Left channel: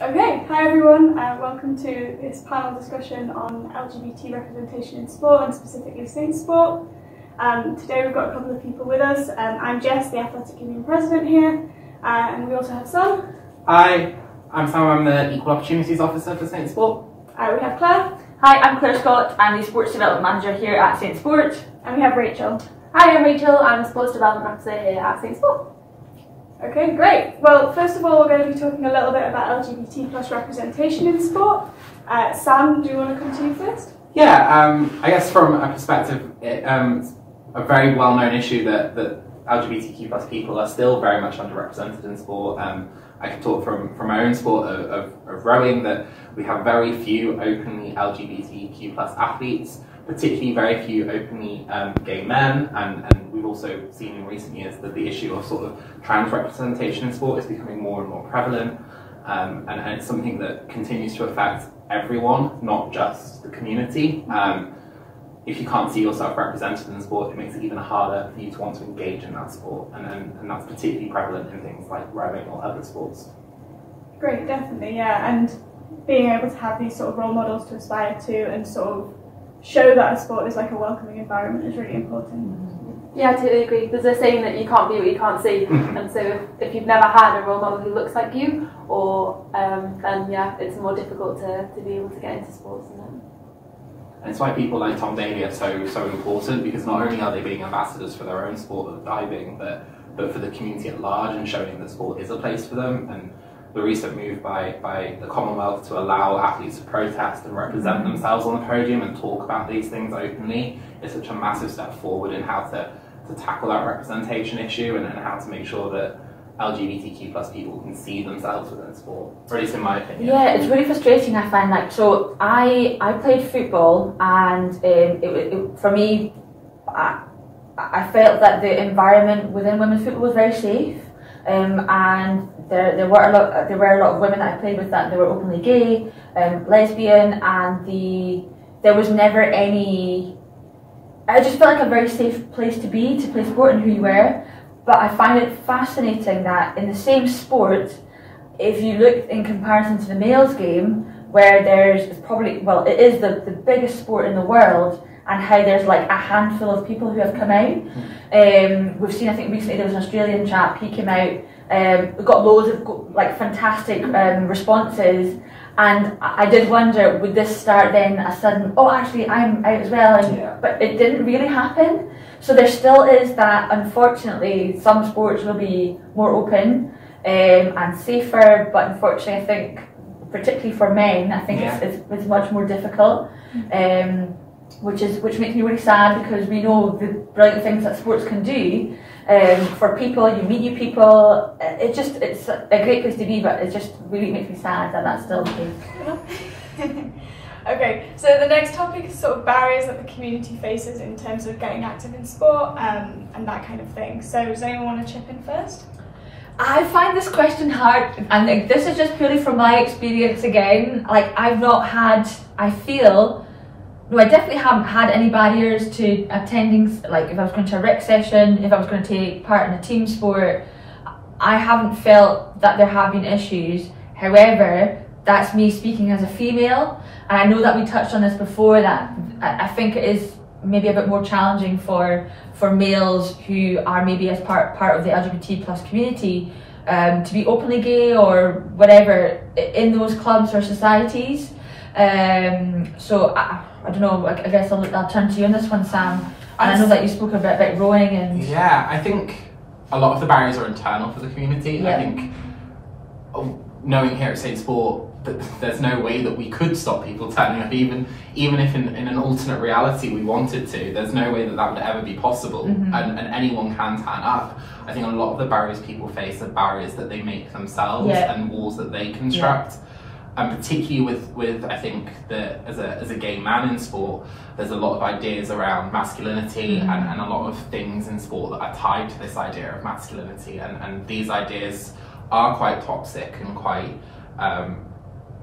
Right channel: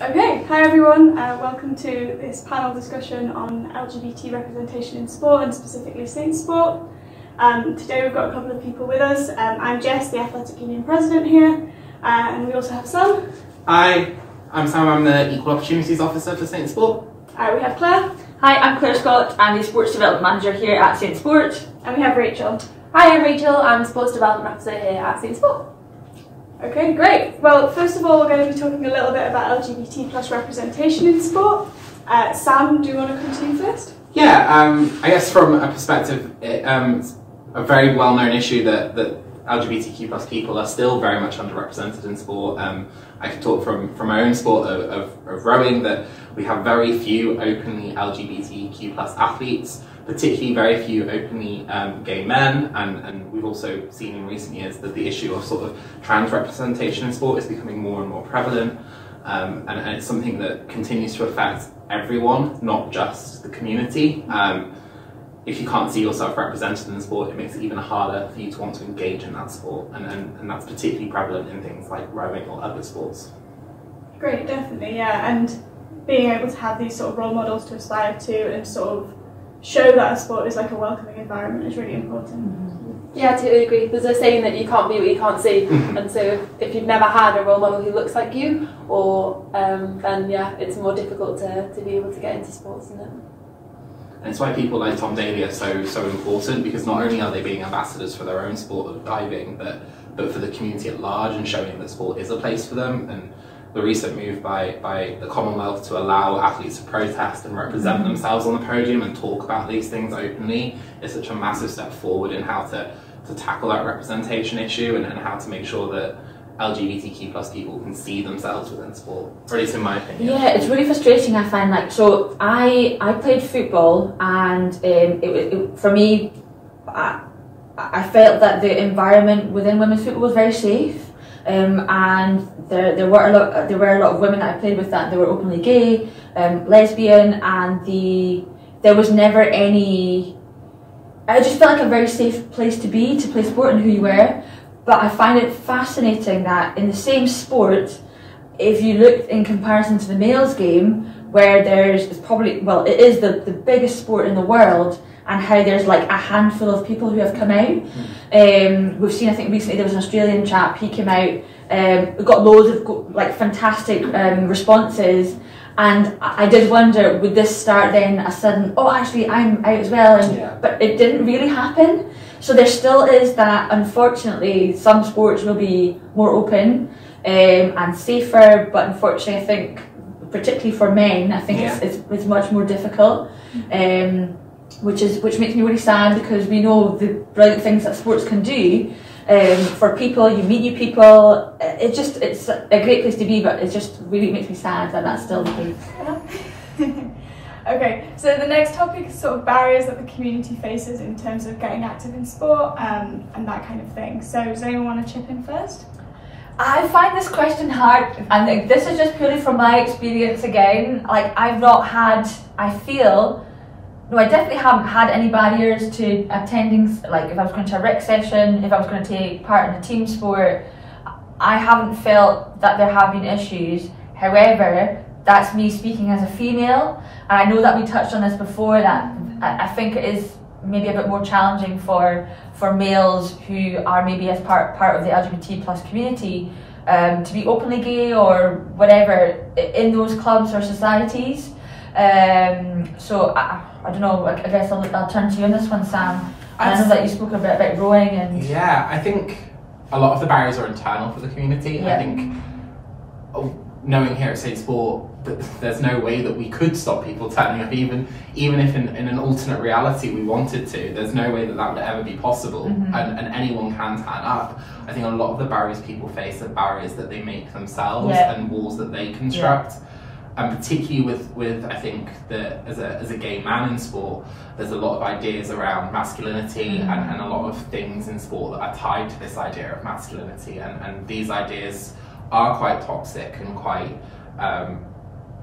Okay, hi everyone, welcome to this panel discussion on LGBT representation in sport and specifically Saints sport. Today we've got a couple of people with us. I'm Jess, the Athletic Union President here, and we also have Sam. Hi, I'm Sam, I'm the Equal Opportunities Officer for Saints sport. We have Claire. Hi, I'm Claire Scott, I'm the Sports Development Manager here at Saints Sport. And we have Rachel. Hi, I'm Rachel, I'm the Sports Development Officer here at Saints Sport. Okay, great. Well, first of all, we're going to be talking a little bit about LGBT plus representation in sport. Sam, do you want to come to you first? Yeah, I guess from a perspective, it's a very well-known issue that LGBTQ plus people are still very much underrepresented in sport. I can talk from my own sport of rowing that we have very few openly LGBTQ plus athletes, particularly very few openly gay men, and we've also seen in recent years that the issue of sort of trans representation in sport is becoming more and more prevalent, and it's something that continues to affect everyone, not just the community. If you can't see yourself represented in the sport, it makes it even harder for you to want to engage in that sport, and that's particularly prevalent in things like rowing or other sports. Great, definitely, yeah, and being able to have these sort of role models to aspire to and sort of show that a sport is like a welcoming environment is really important. Yeah, I totally agree. There's a saying that you can't be what you can't see, and so if you've never had a role model who looks like you, or then yeah, it's more difficult to be able to get into sports, isn't it? And it's why people like Tom Daly are so important, because not only are they being ambassadors for their own sport of diving, but for the community at large and showing that sport is a place for them. And the recent move by the Commonwealth to allow athletes to protest and represent themselves on the podium and talk about these things openly is such a massive step forward in how to tackle that representation issue and how to make sure that LGBTQ plus people can see themselves within sport, or at least in my opinion. Yeah, it's really frustrating, I find. Like, so I played football, and for me, I felt that the environment within women's football was very safe, and there were a lot of women that I played with that they were openly gay, lesbian, and there was never any. I just felt like a very safe place to play sport and who you were. But I find it fascinating that in the same sport, if you look in comparison to the males game, where it's probably, well, it is the biggest sport in the world, and how there's like a handful of people who have come out. We've seen, I think recently there was an Australian chap, he came out, got loads of like fantastic responses, and I did wonder, would this start then a sudden, oh actually I'm out as well, but it didn't really happen. So there still is that, unfortunately, some sports will be more open and safer, but unfortunately I think, particularly for men, I think it's much more difficult, which makes me really sad, because we know the brilliant things that sports can do for people. You meet new people, it's a great place to be, but it just really makes me sad that that's still the case. Okay, so the next topic is sort of barriers that the community faces in terms of getting active in sport and that kind of thing. So does anyone want to chip in first? I find this question hard, and this is just purely from my experience again. Like, I definitely haven't had any barriers to attending, like if I was going to a rec session, if I was going to take part in a team sport, I haven't felt that there have been issues. However, that's me speaking as a female, and I know that we touched on this before, that I think it is maybe a bit more challenging for males who are maybe as part of the LGBT plus community to be openly gay or whatever in those clubs or societies. So I don't know, I guess I'll turn to you on this one, Sam. And I know that you spoke a bit about rowing and... Yeah, I think a lot of the barriers are internal for the community. Yeah. I think knowing here at Saints Sport that there's no way that we could stop people turning up, even if in an alternate reality we wanted to, there's no way that would ever be possible, and anyone can turn up. I think a lot of the barriers people face are barriers that they make themselves and walls that they construct. And particularly with I think that as a gay man in sport, there's a lot of ideas around masculinity and a lot of things in sport that are tied to this idea of masculinity, and these ideas are quite toxic and quite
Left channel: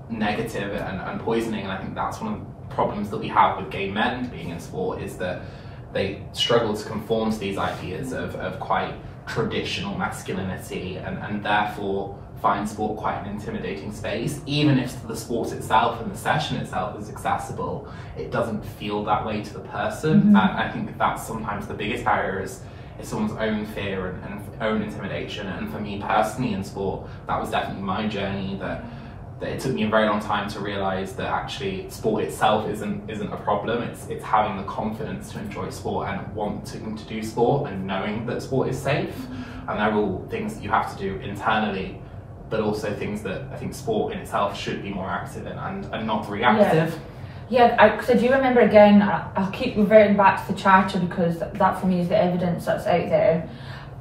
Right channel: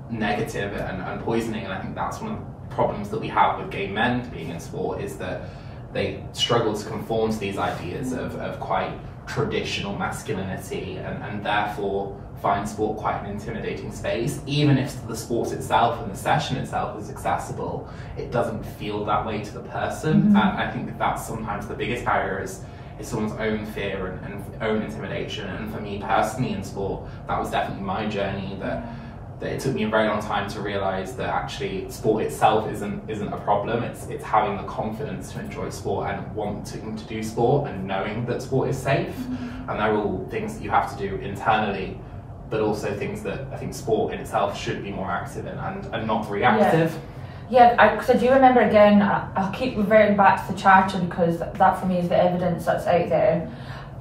negative and poisoning. And I think that's one of the problems that we have with gay men being in sport, is that they struggle to conform to these ideas of quite traditional masculinity, and therefore find sport quite an intimidating space. Even if the sport itself and the session itself is accessible, it doesn't feel that way to the person. And I think that's sometimes the biggest barrier is someone's own fear and own intimidation. And for me personally in sport, that was definitely my journey, that it took me a very long time to realise that actually sport itself isn't a problem. It's having the confidence to enjoy sport and wanting to do sport and knowing that sport is safe. And they're all things that you have to do internally, but also things that I think sport in itself should be more active in and not reactive. Yeah, because I do remember, again, I'll keep reverting back to the charter because that for me is the evidence that's out there.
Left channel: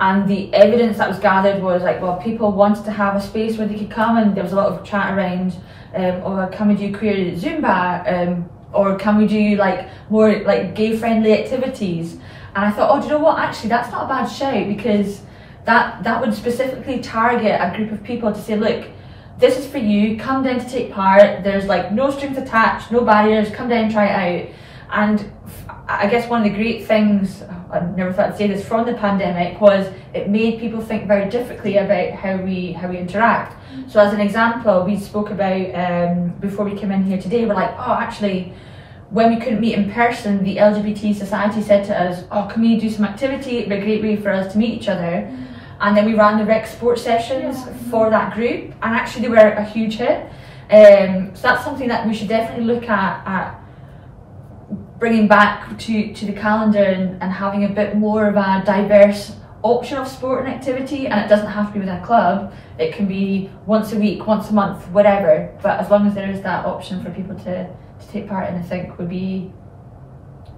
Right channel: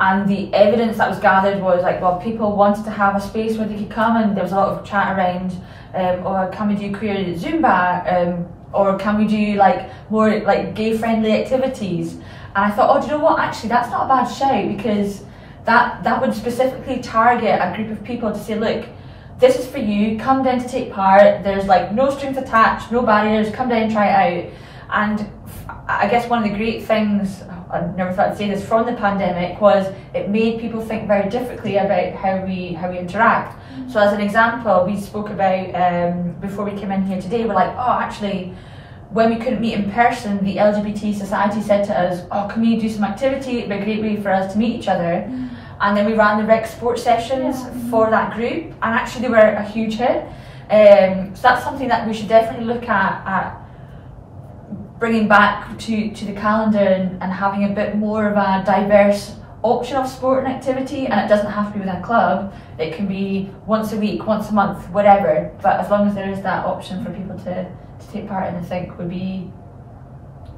And the evidence that was gathered was like, well, people wanted to have a space where they could come, and there was a lot of chat around, or can we do queer Zumba, or can we do like more like gay-friendly activities? And I thought, oh, do you know what? Actually, that's not a bad shout, because that would specifically target a group of people to say, look, this is for you, come down to take part, there's like no strings attached, no barriers, come down and try it out. And I guess one of the great things, I never thought I'd say this, from the pandemic was it made people think very differently about how we interact. So as an example, we spoke about, before we came in here today, we're like, oh, actually, when we couldn't meet in person, the LGBT Society said to us, oh, can we do some activity? It'd be a great way for us to meet each other. And then we ran the rec sports sessions for that group, and actually they were a huge hit. So that's something that we should definitely look at bringing back to the calendar and having a bit more of a diverse option of sport and activity. And it doesn't have to be within a club, it can be once a week, once a month, whatever. But as long as there is that option for people to take part in, I think would be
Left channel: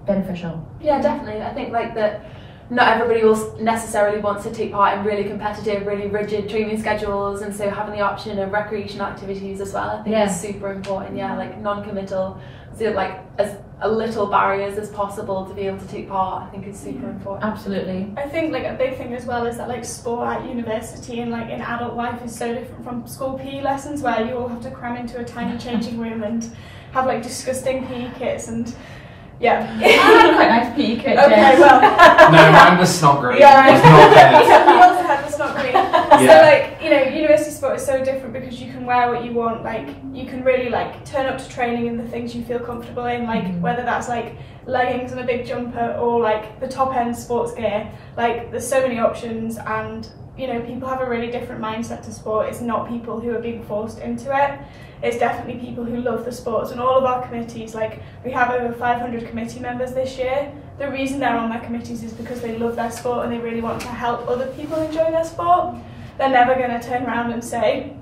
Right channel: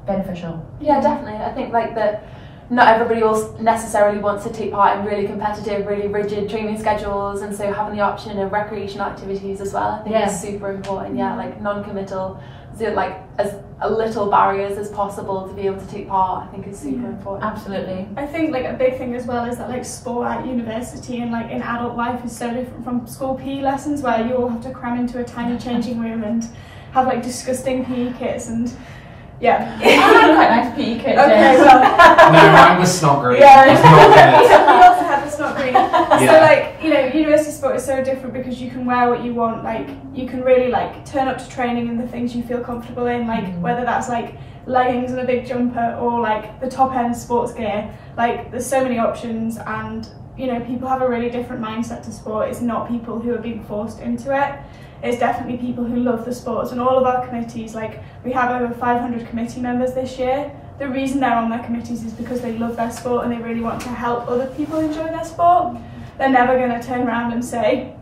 beneficial. Yeah, definitely. I think like that. Not everybody else necessarily wants to take part in really competitive, really rigid training schedules, and so having the option of recreational activities as well, I think is super important. Yeah, like non-committal, so like as little barriers as possible to be able to take part, I think is super important. Absolutely. I think like a big thing as well is that like sport at university and like in adult life is so different from school PE lessons, where you all have to cram into a tiny changing room and have like disgusting PE kits and yeah. I had quite nice PE kit. Okay, well. No, mine was snot green. Yeah. It was not good. We also had the snot green. So like, you know, university sport is so different because you can wear what you want. Like, you can really like turn up to training in the things you feel comfortable in. Like, whether that's like leggings and a big jumper or like the top end sports gear. Like, there's so many options, and you know, people have a really different mindset to sport. It's not people who are being forced into it. It's definitely people who love the sports, and all of our committees, like we have over 500 committee members this year. The reason they're on their committees is because they love their sport and they really want to help other people enjoy their sport. They're never going to turn around and say,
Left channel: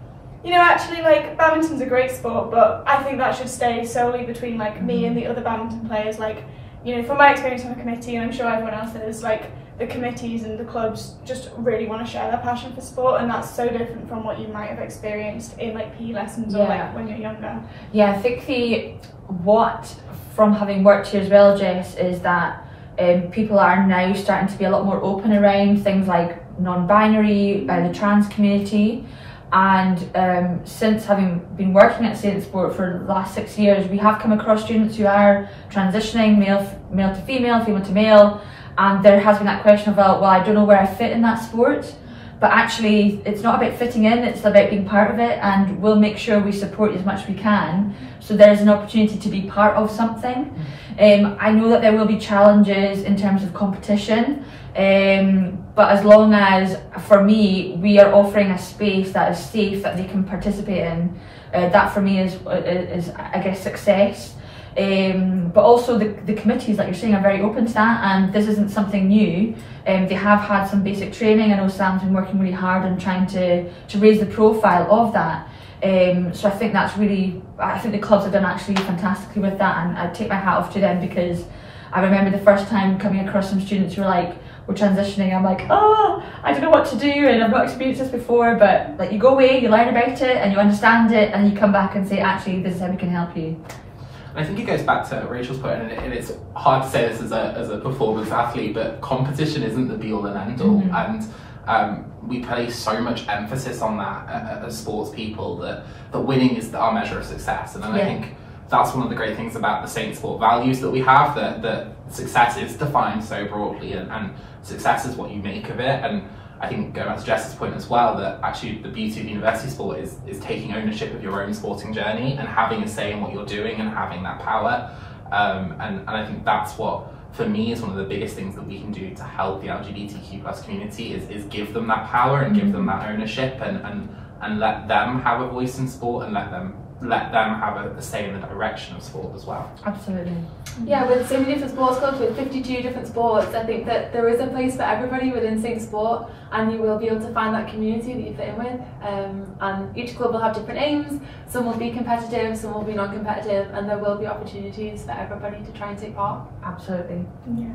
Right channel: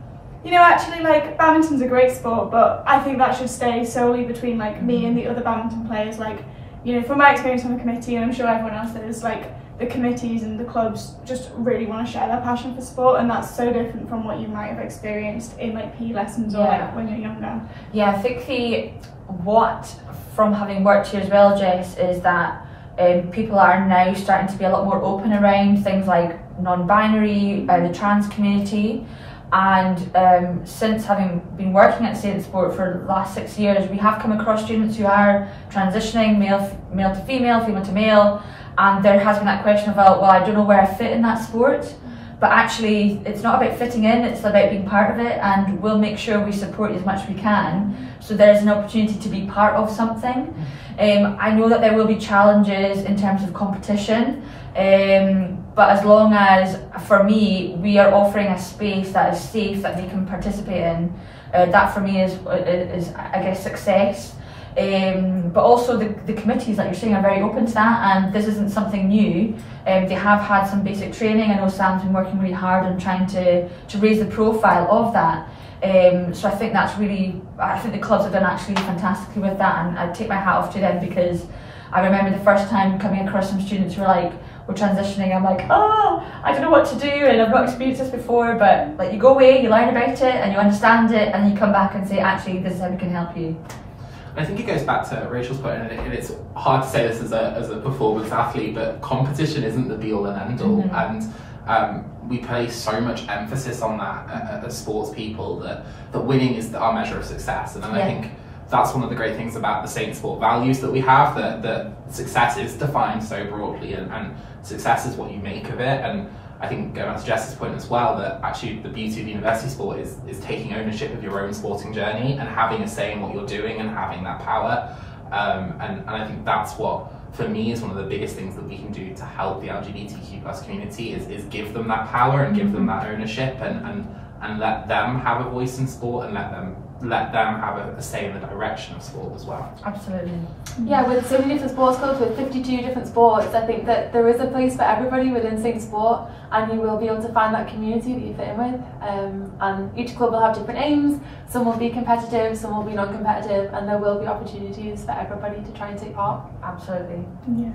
you know, actually like badminton's a great sport, but I think that should stay solely between like me and the other badminton players. Like, you know, from my experience on the committee, and I'm sure everyone else is, like the committees and the clubs just really want to share their passion for sport, and that's so different from what you might have experienced in like PE lessons or like when you're younger. Yeah, I think from having worked here as well, Jess, is that people are now starting to be a lot more open around things like non-binary, the trans community, and since having been working at Saint Sport for the last 6 years, we have come across students who are transitioning male to female, female to male. And there has been that question of, well, I don't know where I fit in that sport. But actually, it's not about fitting in, it's about being part of it, and we'll make sure we support you as much as we can. So there's an opportunity to be part of something. I know that there will be challenges in terms of competition, but as long as, for me, we are offering a space that is safe, that they can participate in, that for me is I guess, success. But also the committees, like you're saying, are very open to that, and this isn't something new. They have had some basic training. I know Sam's been working really hard on trying to raise the profile of that. So I think that's really, I think the clubs have done actually fantastically with that, and I take my hat off to them, because I remember the first time coming across some students who were like, we're transitioning, I'm like, oh, I don't know what to do, and I've not experienced this before, but like you go away, you learn about it, and you understand it, and you come back and say, actually, this is how we can help you. I think it goes back to Rachel's point, and it's hard to say this as a performance athlete, but competition isn't the be-all and end-all, and we place so much emphasis on that as sports people, that winning is our measure of success, and I think that's one of the great things about the Saint Sport values that we have, that success is defined so broadly, and success is what you make of it, and I think going back to Jess's point as well, that actually the beauty of university sport is taking ownership of your own sporting journey and having a say in what you're doing and having that power. And I think that's what, for me, is one of the biggest things that we can do to help the LGBTQ+ community is give them that power and give them that ownership and let them have a voice in sport and let them have a say in the direction of sport as well. Absolutely. Yeah, with so many different sports clubs, with 52 different sports, I think that there is a place for everybody within Saint Sport, and you will be able to find that community that you fit in with. And each club will have different aims. Some will be competitive, some will be non-competitive, and there will be opportunities for everybody to try and take part. Absolutely. Yeah.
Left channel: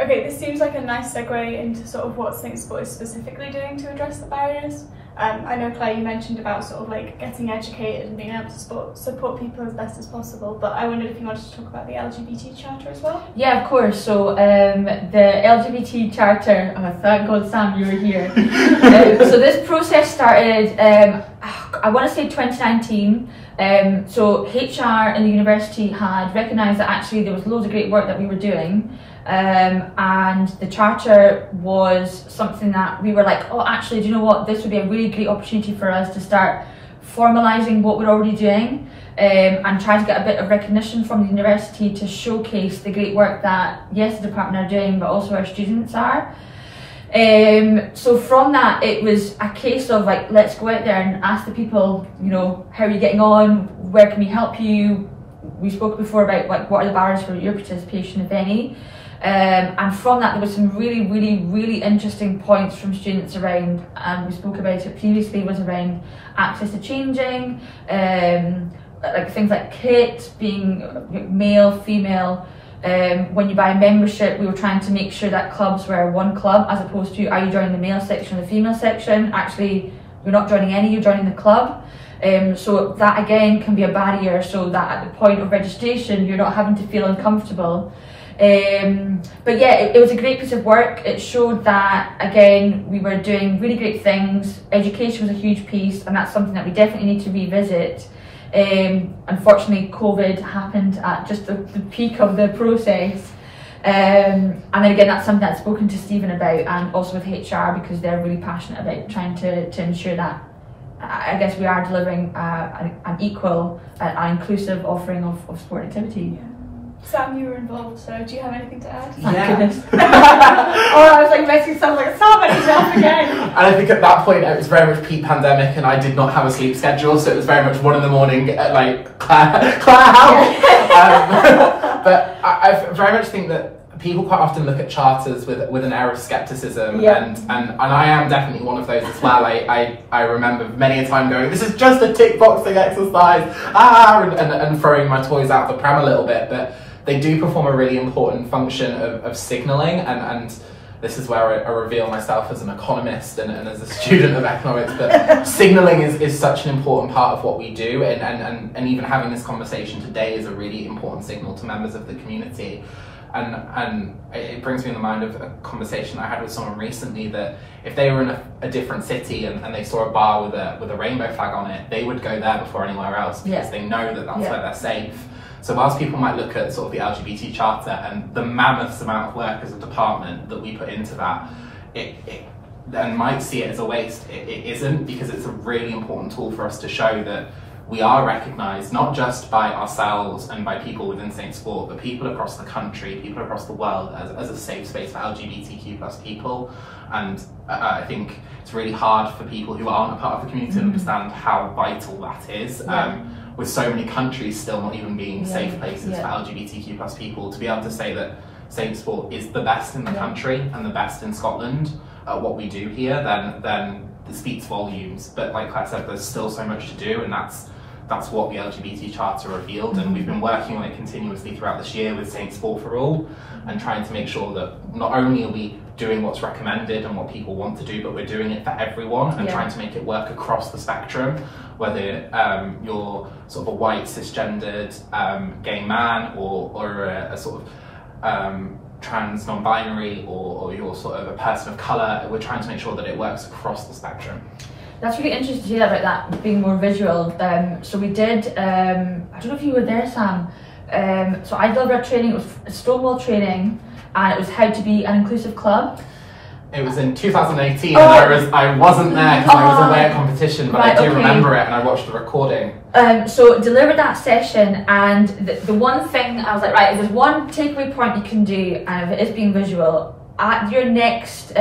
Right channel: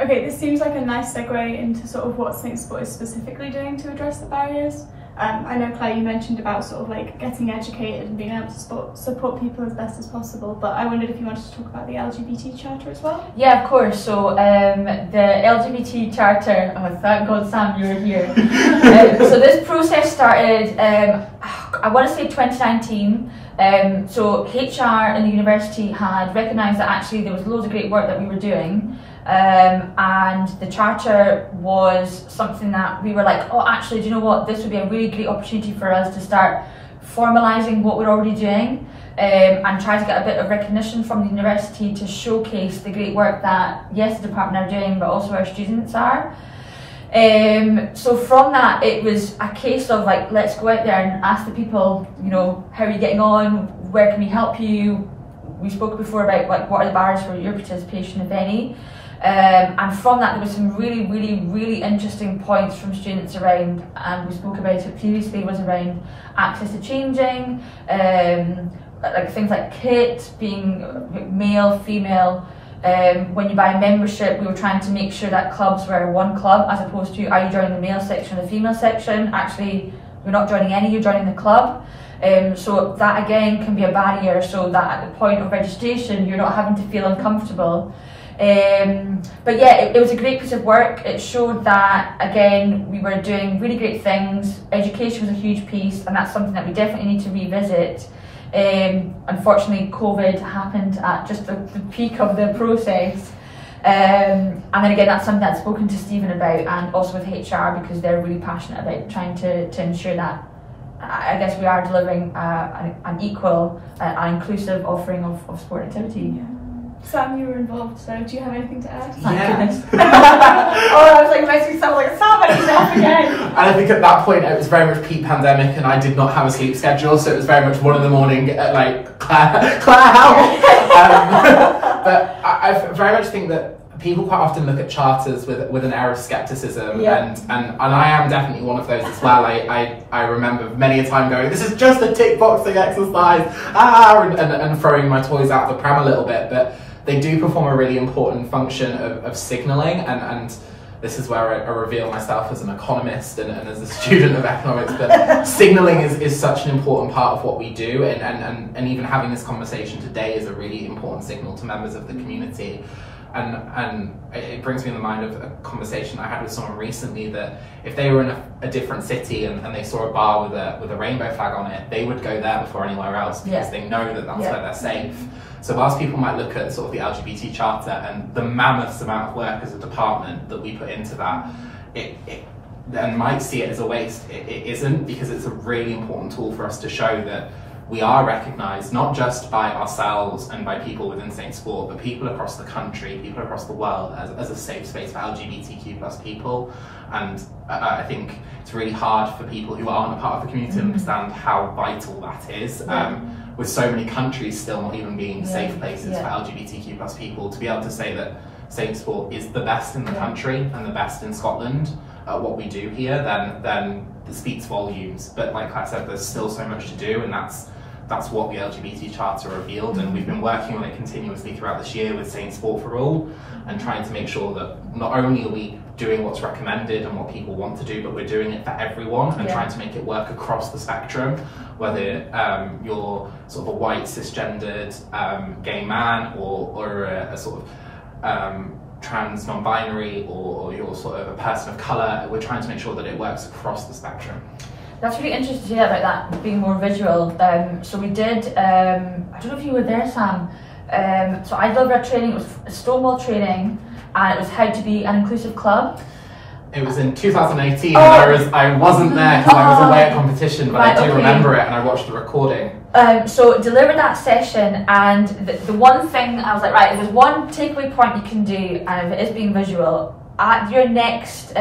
Okay, this seems like a nice segue into sort of what Saint Sport is specifically doing to address the barriers. I know, Claire, you mentioned about sort of like getting educated and being able to support people as best as possible, but I wondered if you wanted to talk about the Lgbt Charter as well? Yeah, of course. So the Lgbt Charter, oh, thank God, Sam, you were here. So this process started, I want to say 2019. So HR in the university had recognised that actually there was loads of great work that we were doing. And the charter was something that we were like, oh, actually, do you know what? This would be a really great opportunity for us to start formalising what we're already doing, and try to get a bit of recognition from the university to showcase the great work that, yes, the department are doing, but also our students are. So from that, it was a case of like, let's go out there and ask the people, you know, how are you getting on? Where can we help you? We spoke before about like, what are the barriers for your participation, if any? And from that, there was some really interesting points from students around, and we spoke about it previously, was around access to changing, like things like kit, being male, female. When you buy a membership, we were trying to make sure that clubs were one club, as opposed to, are you joining the male section or the female section? Actually, you're not joining any, you're joining the club. So that again can be a barrier, so that at the point of registration, you're not having to feel uncomfortable. But yeah, it was a great piece of work. It showed that, again, we were doing really great things. Education was a huge piece, and that's something that we definitely need to revisit. Unfortunately, COVID happened at just the peak of the process. And then again, that's something I've spoken to Stephen about, and also with HR, because they're really passionate about trying to ensure that, I guess, we are delivering an equal and inclusive offering of sport activity. Yeah. Sam, you were involved, so do you have anything to add? Thank goodness. Oh, I was like, messing sound like Sam, and he's off again. And I think at that point it was very much peak pandemic, and I did not have a sleep schedule, so it was very much 1 a.m. at like, Claire, help! But I very much think that people quite often look at charters with an air of scepticism, and I am definitely one of those as well. I remember many a time going, this is just a tick boxing exercise, and throwing my toys out the pram a little bit, but they do perform a really important function of signalling, and this is where I reveal myself as an economist and as a student of economics, but signalling is such an important part of what we do, and even having this conversation today is a really important signal to members of the community. And it brings me in the mind of a conversation I had with someone recently, that if they were in a different city and they saw a bar with a rainbow flag on it, they would go there before anywhere else, because they know that that's where they're safe. So whilst people might look at sort of the Lgbt Charter and the mammoth amount of work as a department that we put into that, and might see it as a waste, it isn't, because it's a really important tool for us to show that we are recognised not just by ourselves and by people within Saint Sport, but people across the country, people across the world, as a safe space for LGBTQ+ people. And I think it's really hard for people who aren't a part of the community to understand how vital that is. With so many countries still not even being safe places for LGBTQ+ people, to be able to say that Saint Sport is the best in the country and the best in Scotland at what we do here, then it speaks volumes. But like I said, there's still so much to do, and that's what the Lgbt Charter revealed, and we've been working on it continuously throughout this year with Saint Sport for All, and trying to make sure that not only are we doing what's recommended and what people want to do, but we're doing it for everyone, and trying to make it work across the spectrum, whether you're sort of a white cisgendered gay man, or a sort of trans non-binary, or you're sort of a person of colour. We're trying to make sure that it works across the spectrum. That's really interesting to hear about that being more visual. So we did, I don't know if you were there, Sam. So I delivered a training, it was a Stonewall training, and it was how to be an inclusive club. It was in 2018, and I wasn't there because I was away at competition, but I do remember it, and I watched the recording. So delivered that session, and the one thing I was like, right, if there's one takeaway point you can do, and if it is being visual, at your next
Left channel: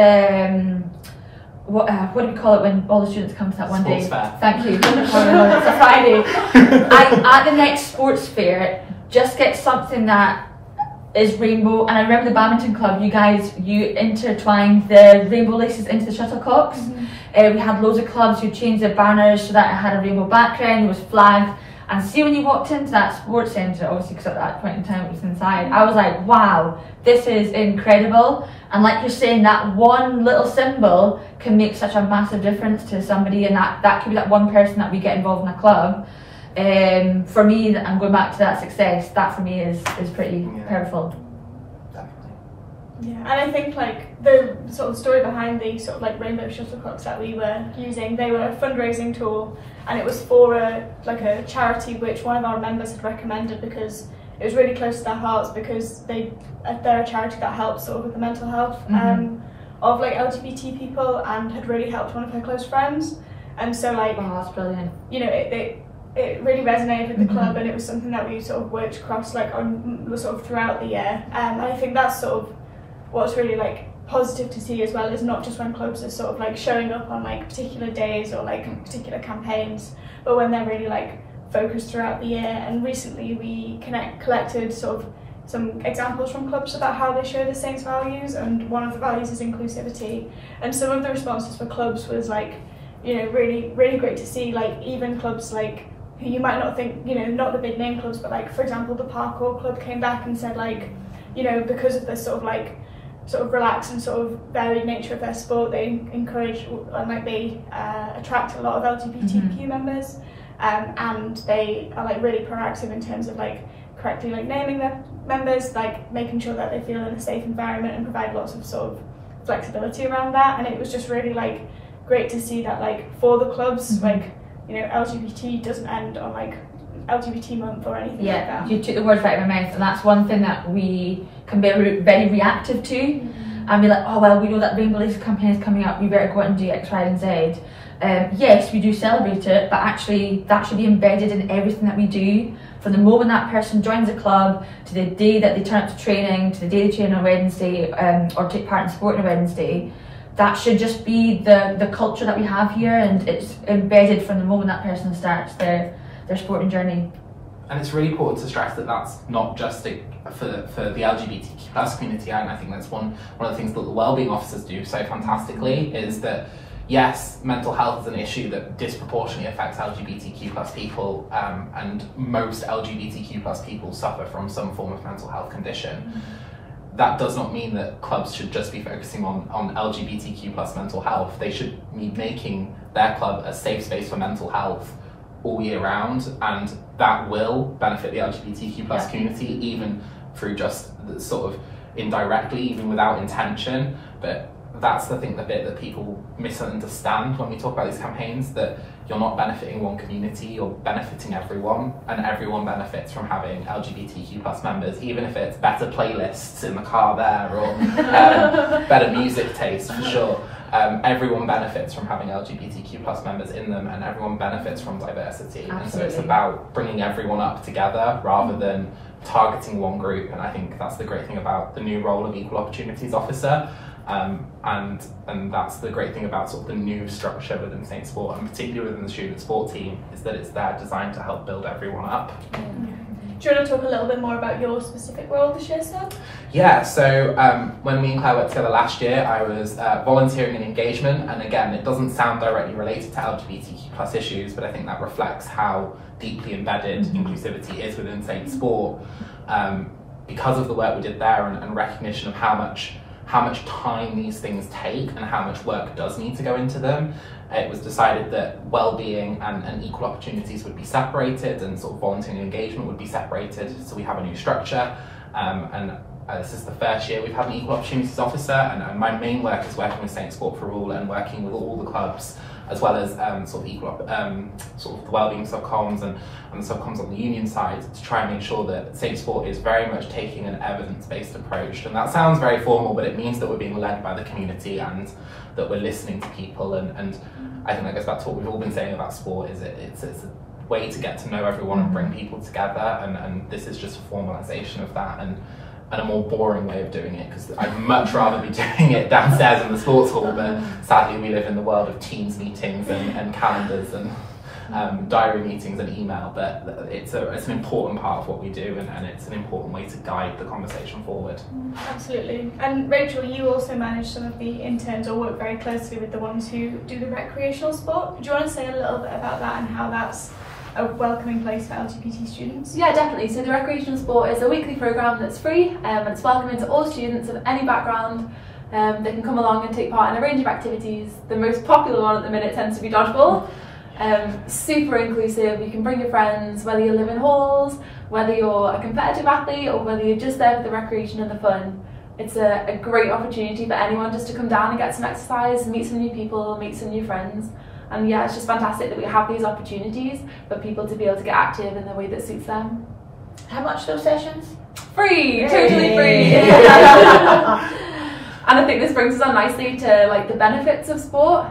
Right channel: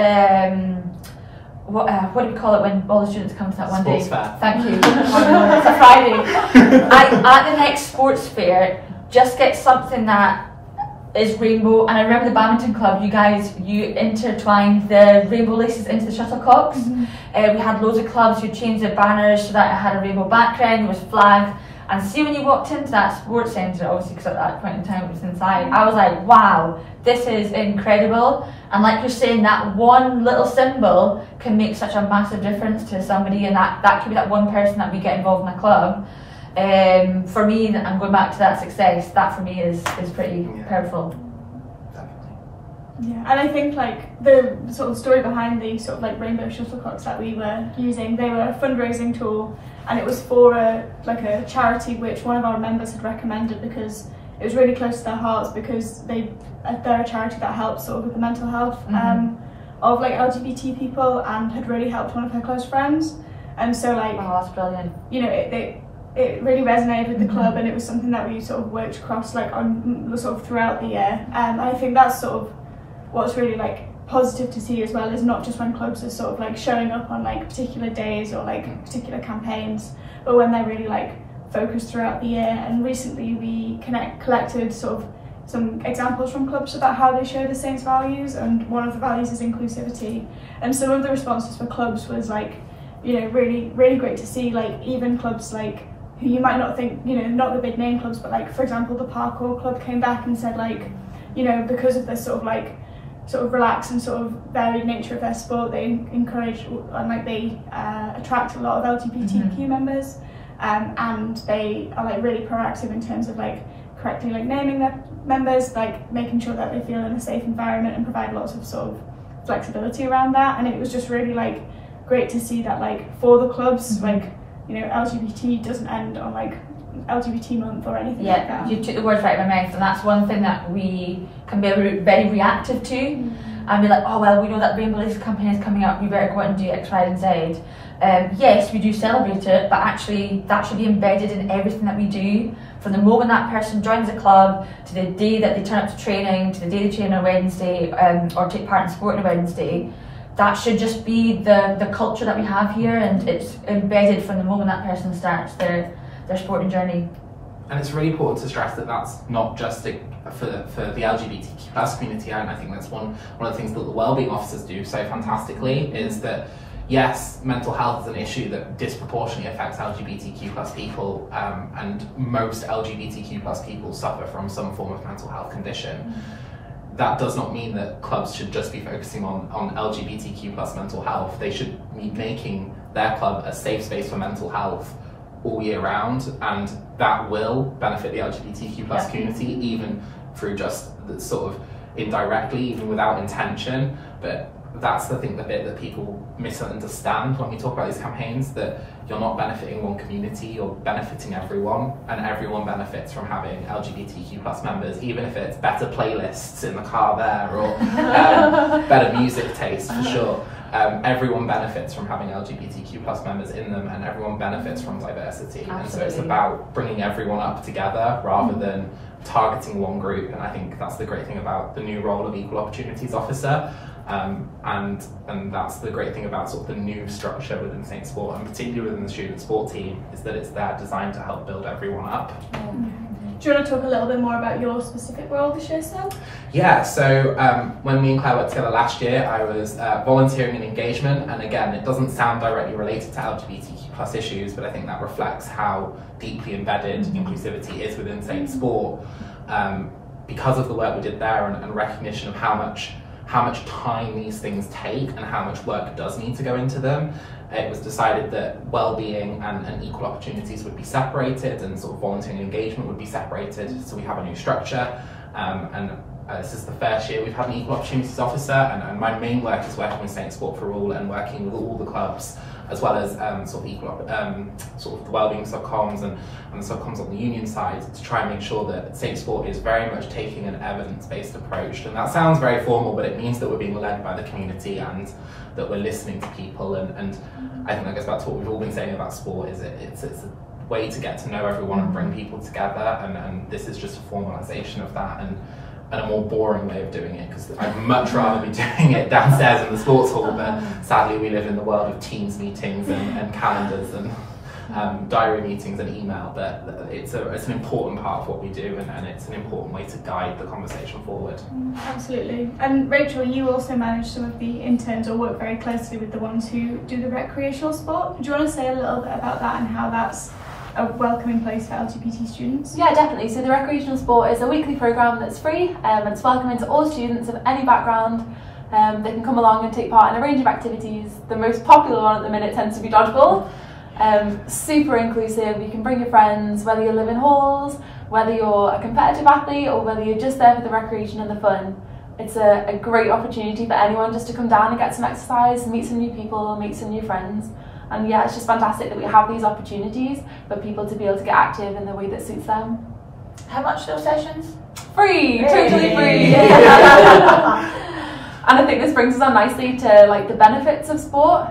what do we call it when all the students come to that one Sports day? Fair. Thank you. It's a Friday. At the next sports fair, just get something that is rainbow. And I remember the badminton club, you intertwined the rainbow laces into the shuttlecocks. We had loads of clubs who changed their banners so that it had a rainbow background, there was flags. And see, when you walked into that sports centre, obviously because at that point in time it was inside, I was like, wow, this is incredible. And like you're saying, that one little symbol can make such a massive difference to somebody, and that could be that one person that we get involved in a club. For me, I'm going back to that success, that for me is pretty powerful. Definitely. Yeah, and I think like the sort of story behind the sort of like rainbow shuttlecocks that we were using, they were a fundraising tool, and it was for a charity which one of our members had recommended because it was really close to their hearts, because they're a charity that helps sort of with the mental health of like LGBT people, and had really helped one of her close friends. And so like, oh, that's brilliant. You know, it really resonated with the club, and it was something that we sort of worked across like on sort of throughout the year. I think that's sort of what's really like positive to see as well, is not just when clubs are sort of like showing up on like particular days or like particular campaigns, but when they're really like focused throughout the year. And recently we collected sort of some examples from clubs about how they show the Saints values, and one of the values is inclusivity. And some of the responses for clubs was like, you know, really, really great to see, like even clubs like who you might not think, you know, not the big name clubs, but like for example the parkour club came back and said like, you know, because of this sort of relaxed and sort of varied nature of their sport, they encourage and like they attract a lot of LGBTQ members, and they are like really proactive in terms of like correctly like naming their members, like making sure that they feel in a safe environment, and provide lots of sort of flexibility around that. And it was just really like great to see that like for the clubs, like, you know, LGBT doesn't end on like LGBT month or anything like that. You took the words right out of my mouth, and that's one thing that we can be very reactive to, and be like, oh well, we know that Rainbow Lace campaign is coming up, you better go out and do X, Y and Z. Yes, we do celebrate it, but actually that should be embedded in everything that we do, from the moment that person joins the club to the day that they turn up to training, to the day they train on a Wednesday, or take part in sport on a Wednesday. That should just be the culture that we have here, and it's embedded from the moment that person starts their sporting journey. And it's really important to stress that that's not just for the LGBTQ plus community, and I think that's one of the things that the wellbeing officers do so fantastically, is that yes, mental health is an issue that disproportionately affects LGBTQ plus people, and most LGBTQ plus people suffer from some form of mental health condition. That does not mean that clubs should just be focusing on LGBTQ plus mental health. They should be making their club a safe space for mental health all year round, and that will benefit the LGBTQ plus community, even through just the sort of indirectly, even without intention. But that's the bit that people misunderstand when we talk about these campaigns, that you're not benefiting one community, you're benefiting everyone, and everyone benefits from having LGBTQ plus members, even if it's better playlists in the car there, or better music taste for sure. Everyone benefits from having LGBTQ plus members in them, and everyone benefits from diversity. Absolutely. And so it's about bringing everyone up together rather than targeting one group. And I think that's the great thing about the new role of Equal Opportunities Officer. And that's the great thing about sort of the new structure within Saint Sport, and particularly within the student sport team, is that it's there designed to help build everyone up. Do you want to talk a little bit more about your specific role this year, Sam? Yeah, so when me and Claire worked together last year, I was volunteering in engagement, and again, it doesn't sound directly related to LGBTQ plus issues, but I think that reflects how deeply embedded inclusivity is within Saint Sport. Because of the work we did there, and recognition of how much time these things take and how much work does need to go into them, it was decided that well-being and equal opportunities would be separated, and sort of volunteering engagement would be separated. So we have a new structure, and this is the first year we've had an equal opportunities officer, and my main work is working with Saint Sport for All and working with all the clubs, as well as sort of the wellbeing subcoms and the subcoms on the union side, to try and make sure that Saint Sport is very much taking an evidence-based approach. And that sounds very formal, but it means that we're being led by the community and that we're listening to people. And I think that goes back to what we've all been saying about sport, is it's a way to get to know everyone and bring people together, and this is just a formalisation of that, and a more boring way of doing it, because I'd much rather be doing it downstairs in the sports hall, but sadly we live in the world of Teams meetings and calendars and diary meetings and email, but it's an important part of what we do, and it's an important way to guide the conversation forward. Absolutely. And Rachel, you also manage some of the interns or work very closely with the ones who do the recreational sport. Do you want to say a little bit about that and how that's a welcoming place for LGBT students? Yeah, definitely. So the recreational sport is a weekly programme that's free, and it's welcoming to all students of any background. They can come along and take part in a range of activities. The most popular one at the minute tends to be dodgeball. Super inclusive. You can bring your friends, whether you live in halls, whether you're a competitive athlete, or whether you're just there for the recreation and the fun. It's a great opportunity for anyone just to come down and get some exercise, meet some new people, make some new friends. And yeah, it's just fantastic that we have these opportunities for people to be able to get active in the way that suits them. How much are those sessions? Free! Totally free! And I think this brings us on nicely to like the benefits of sport.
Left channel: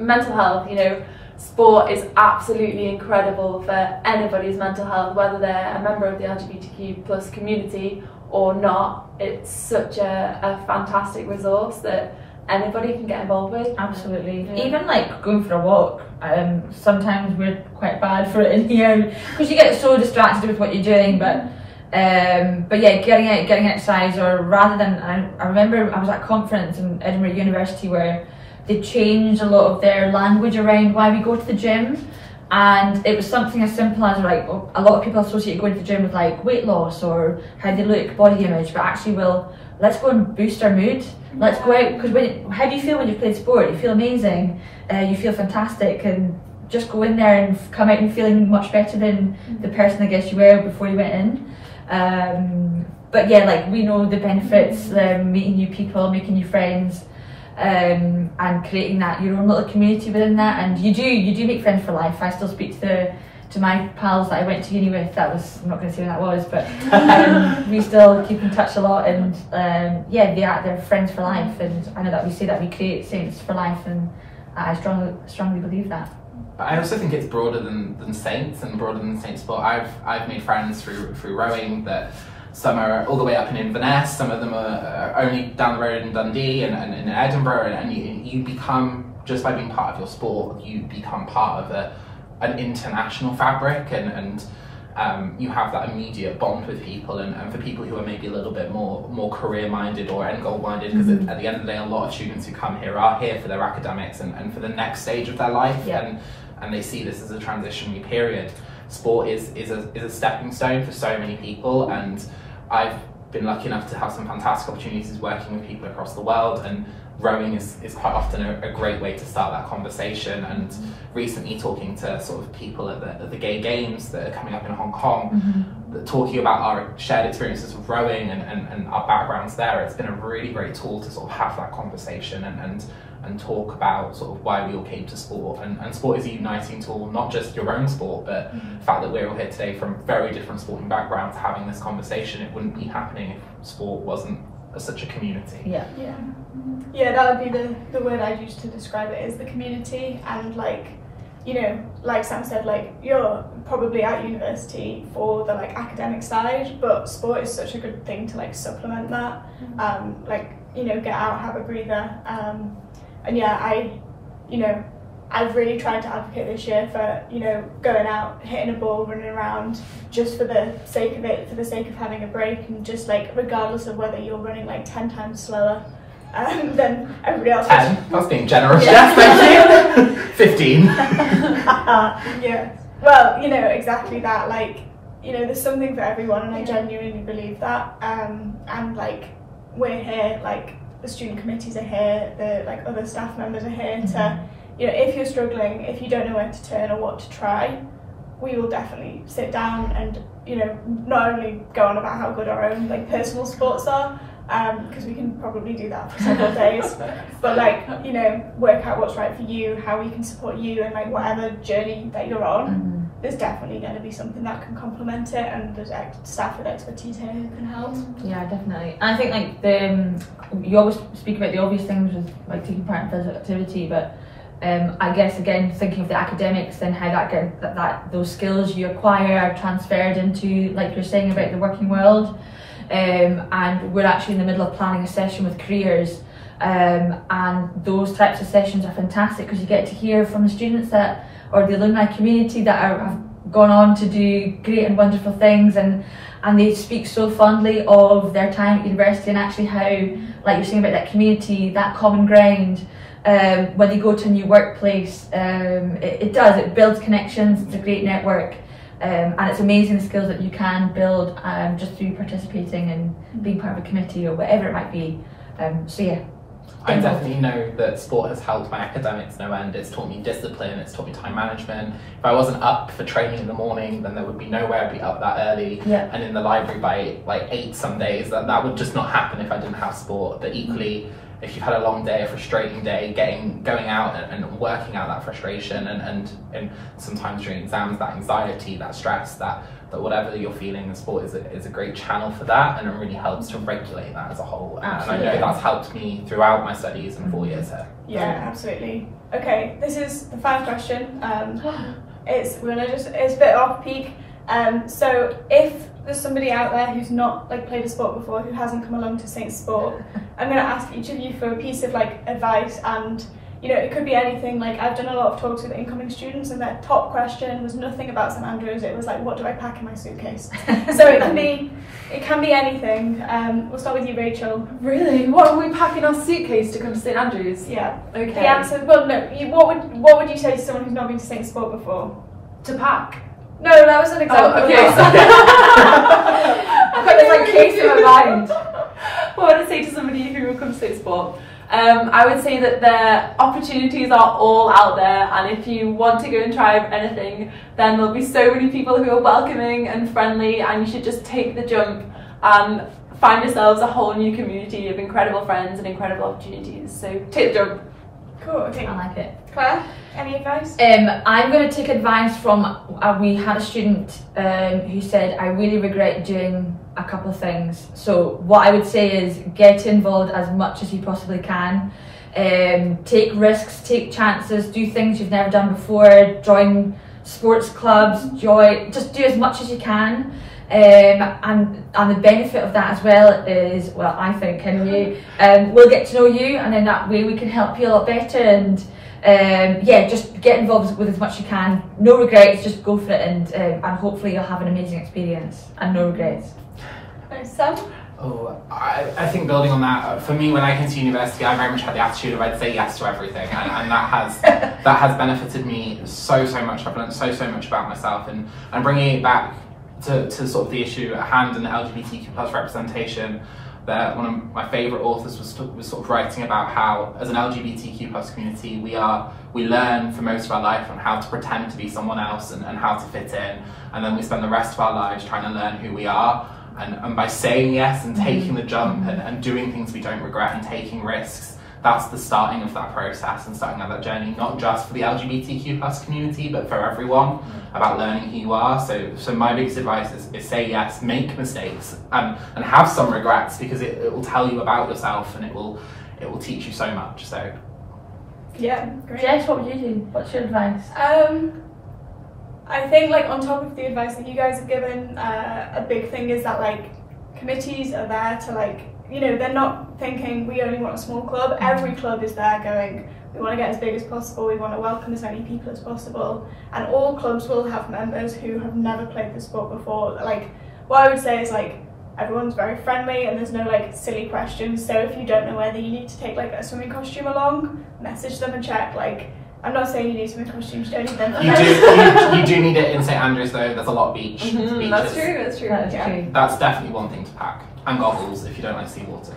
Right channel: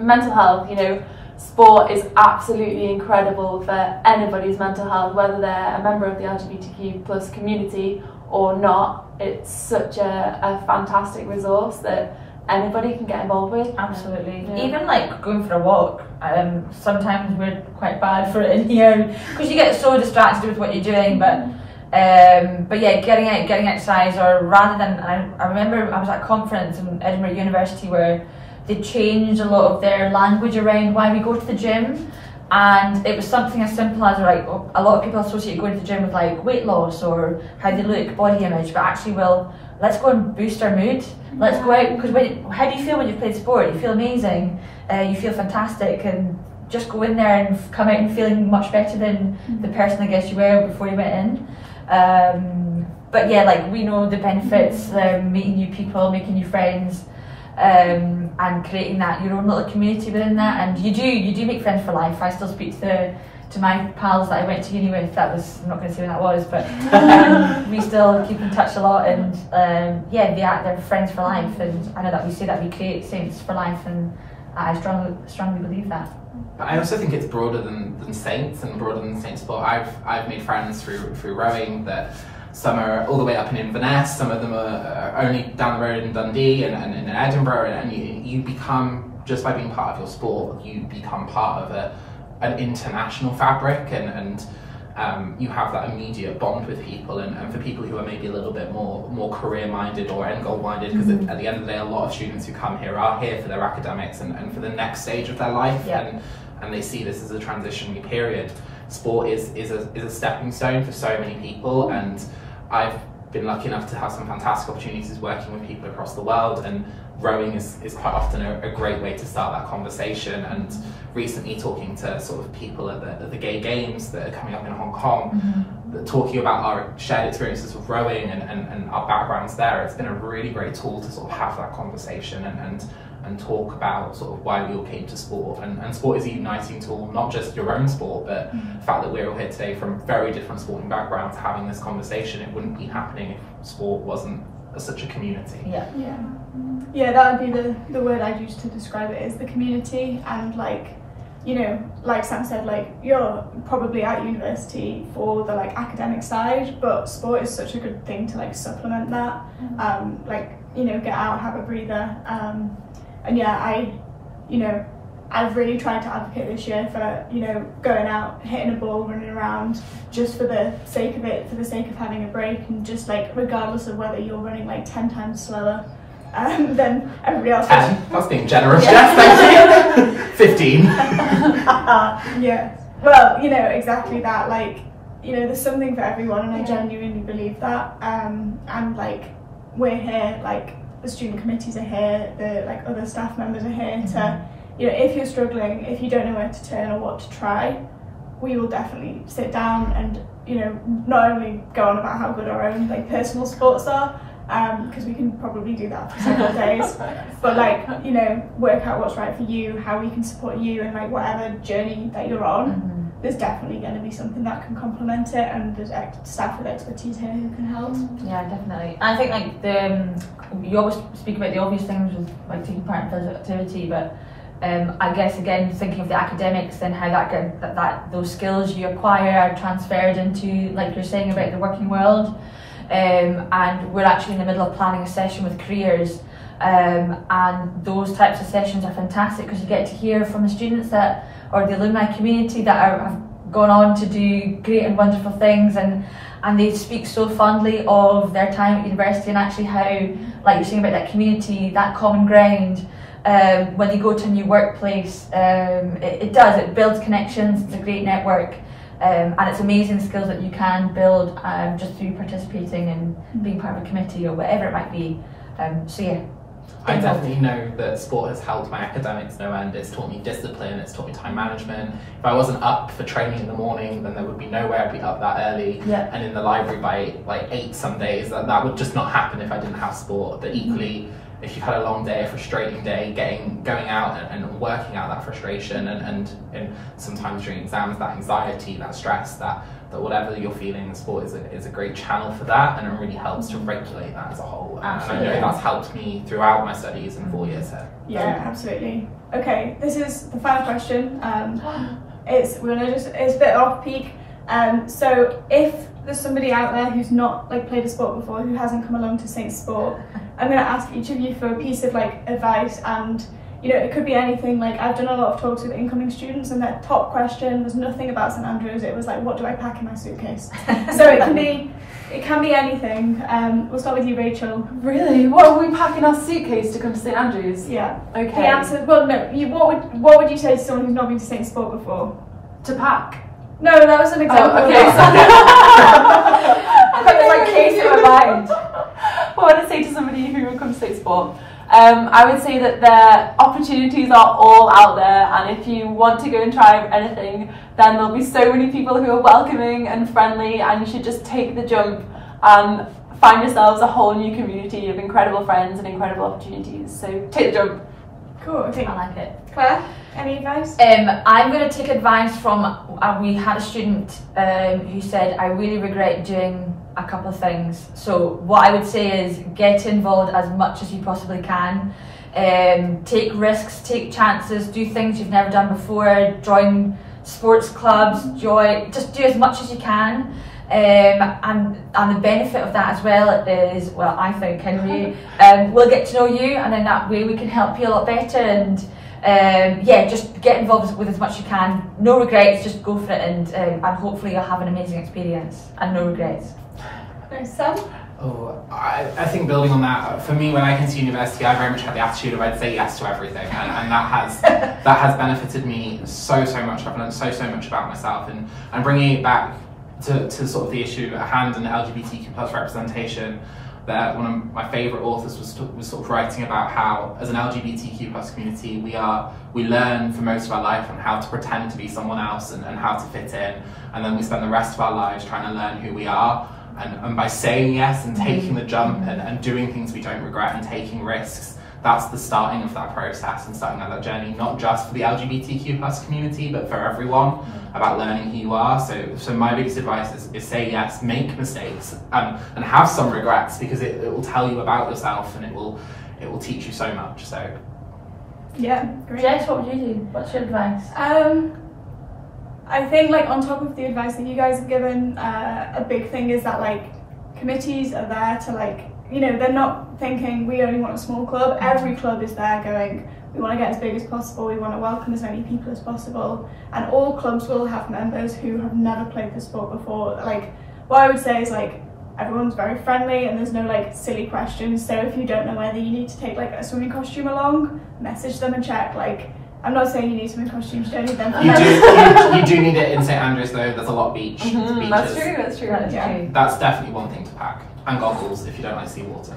Mental health, you know, sport is absolutely incredible for anybody's mental health, whether they're a member of the LGBTQ plus community or not. It's such a fantastic resource that anybody can get involved with. Absolutely. Yeah. Even like going for a walk, sometimes we're quite bad for it in here because you get so distracted with what you're doing, but yeah, getting out, getting exercise, or rather than, I remember I was at a conference in Edinburgh University where they changed a lot of their language around why we go to the gym, and it was something as simple as like a lot of people associate going to the gym with like weight loss or how they look, body image, but actually, well, let's go and boost our mood. Let's go out, because how do you feel when you've played sport? You feel amazing, you feel fantastic, and just go in there and come out and feeling much better than the person I guess you were before you went in. But yeah, like we know the benefits, meeting new people, making new friends, and creating that your own little community within that, and you do make friends for life. I still speak to my pals that I went to uni with. That was, I'm not going to say when that was, but we still keep in touch a lot, and yeah, they're friends for life, and I know that we say that we create saints for life, and I strongly believe that. I also think it's broader than saints and broader than saint sport. I've made friends through rowing that some are all the way up in Inverness, some of them are only down the road in Dundee and in Edinburgh, and you become, just by being part of your sport, you become part of an international fabric, and you have that immediate bond with people, and for people who are maybe a little bit more career minded or end goal minded, because at the end of the day a lot of students who come here are here for their academics and for the next stage of their life, and they see this as a transitionary period. Sport is a stepping stone for so many people, and I've been lucky enough to have some fantastic opportunities working with people across the world, and rowing is quite often a great way to start that conversation. And recently talking to sort of people at the gay games that are coming up in Hong Kong, talking about our shared experiences with rowing and our backgrounds there, it's been a really great tool to sort of have that conversation and talk about sort of why we all came to sport. And sport is a uniting tool, not just your own sport, but the fact that we're all here today from very different sporting backgrounds having this conversation. It wouldn't be happening if sport wasn't such a community. Yeah, that would be the word I'd use to describe it, is the community. And like, you know, like Sam said, like you're probably at university for the like academic side, but sport is such a good thing to like supplement that. Like, you know, get out, have a breather. And yeah, I've really tried to advocate this year for, you know, going out, hitting a ball, running around, just for the sake of it, for the sake of having a break, and just like regardless of whether you're running like 10 times slower than everybody else. 10? That's being generous, Jess, thank you. 15. Yeah, well, you know, exactly that. Like, you know, there's something for everyone, and I genuinely believe that. And like, we're here, like the student committees are here, the like other staff members are here to, you know, if you're struggling, if you don't know where to turn or what to try, we will definitely sit down and you know, not only go on about how good our own like personal sports are, because we can probably do that for several days, but like, you know, work out what's right for you, how we can support you, and like whatever journey that you're on, there's definitely going to be something that can complement it, and there's staff with expertise here who can help. Yeah, definitely. And I think like you always speak about the obvious things with like taking part in physical activity, but I guess again thinking of the academics and how that those skills you acquire are transferred into, like you're saying, about the working world. And we're actually in the middle of planning a session with careers, and those types of sessions are fantastic because you get to hear from the students that, or the alumni community that have gone on to do great and wonderful things, and they speak so fondly of their time at university, and actually how, like you're saying about that community, that common ground, when you go to a new workplace, it builds connections, it's a great network. And it's amazing the skills that you can build just through participating and being part of a committee or whatever it might be. So yeah. I definitely know that sport has helped my academics no end. It's taught me discipline, it's taught me time management. If I wasn't up for training in the morning, then there would be no way I'd be up that early and in the library by like 8 some days. That would just not happen if I didn't have sport. But equally, if you've had a long day, a frustrating day, going out and working out that frustration, and sometimes during exams, that anxiety, that stress, that whatever you're feeling, the sport is a great channel for that, and it really helps to regulate that as a whole. Absolutely. And I know that's helped me throughout my studies in 4 years here. Yeah, absolutely. Okay, this is the final question. It's a bit off peak. So if there's somebody out there who's not like played a sport before, who hasn't come along to Saint Sport, I'm going to ask each of you for a piece of like advice, and you know, it could be anything. Like I've done a lot of talks with incoming students, and their top question was nothing about St Andrews. It was like, what do I pack in my suitcase? So it can be anything. We'll start with you, Rachel. Really? What are we packing our suitcase to come to St Andrews? Yeah. Okay. The answer. Well, no. What would you say to someone who's not been to Saint Sport before? To pack. No, that was an example. Oh, okay. I've got this like case in my mind. What would I say to somebody who will come to Saint Sport? I would say that their opportunities are all out there, and if you want to go and try anything, then there'll be so many people who are welcoming and friendly, and you should just take the jump and find yourselves a whole new community of incredible friends and incredible opportunities. So take the jump. Cool. Okay. I like it. Claire, any advice? I'm going to take advice from, we had a student who said, I really regret doing a couple of things. So what I would say is get involved as much as you possibly can. Take risks, take chances, do things you've never done before, join sports clubs, just do as much as you can. And the benefit of that as well is, well, I think anyway, we'll get to know you, and in that way we can help you a lot better, and yeah, just get involved with as much as you can. No regrets, just go for it, and hopefully you'll have an amazing experience and no regrets. Thanks, Sam. Oh, I think building on that, for me, when I came to university, I very much had the attitude of I'd say yes to everything, and that has benefited me so much. I've learned so much about myself, and bringing it back to sort of the issue at hand and LGBTQ plus representation. That one of my favourite authors was sort of writing about how, as an LGBTQ plus community, we learn for most of our life on how to pretend to be someone else and how to fit in, and then we spend the rest of our lives trying to learn who we are. And by saying yes and taking the jump and doing things we don't regret and taking risks, that's the starting of that process and starting that journey, not just for the LGBTQ plus community, but for everyone, about learning who you are. So my biggest advice is say yes, make mistakes, and have some regrets, because it will tell you about yourself, and it will teach you so much. So yeah, great. Jess, what would you do? What's your advice? I think, like, on top of the advice that you guys have given, a big thing is that, like, committees are there to, like, you know, they're not thinking we only want a small club. Every club is there going, we want to get as big as possible, we want to welcome as many people as possible, and all clubs will have members who have never played the sport before. Like, what I would say is, like, everyone's very friendly and there's no, like, silly questions. So if you don't know whether you need to take, like, a swimming costume along, message them and check. Like, I'm not saying you need swimming costumes, you don't need them. You do need it in St Andrews though. There's a lot of beaches. That's true. That's true. That's definitely one thing to pack, and goggles if you don't like seawater.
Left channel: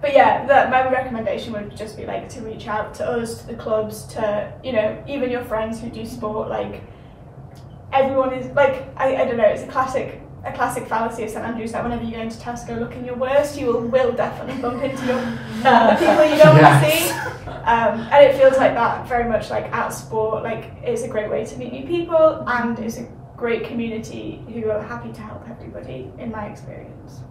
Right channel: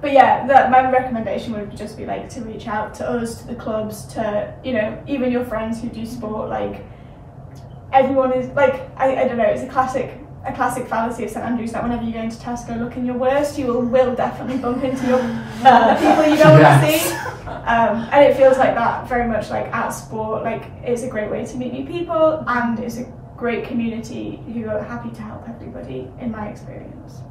But yeah, my recommendation would just be, like, to reach out to us, to the clubs, to, you know, even your friends who do sport. Like, everyone is like, I don't know, it's a classic fallacy of St Andrews that whenever you go into Tesco looking your worst, you will definitely bump into the people you don't want to see. And it feels like that very much like at sport. Like, it's a great way to meet new people, and it's a great community who are happy to help everybody, in my experience.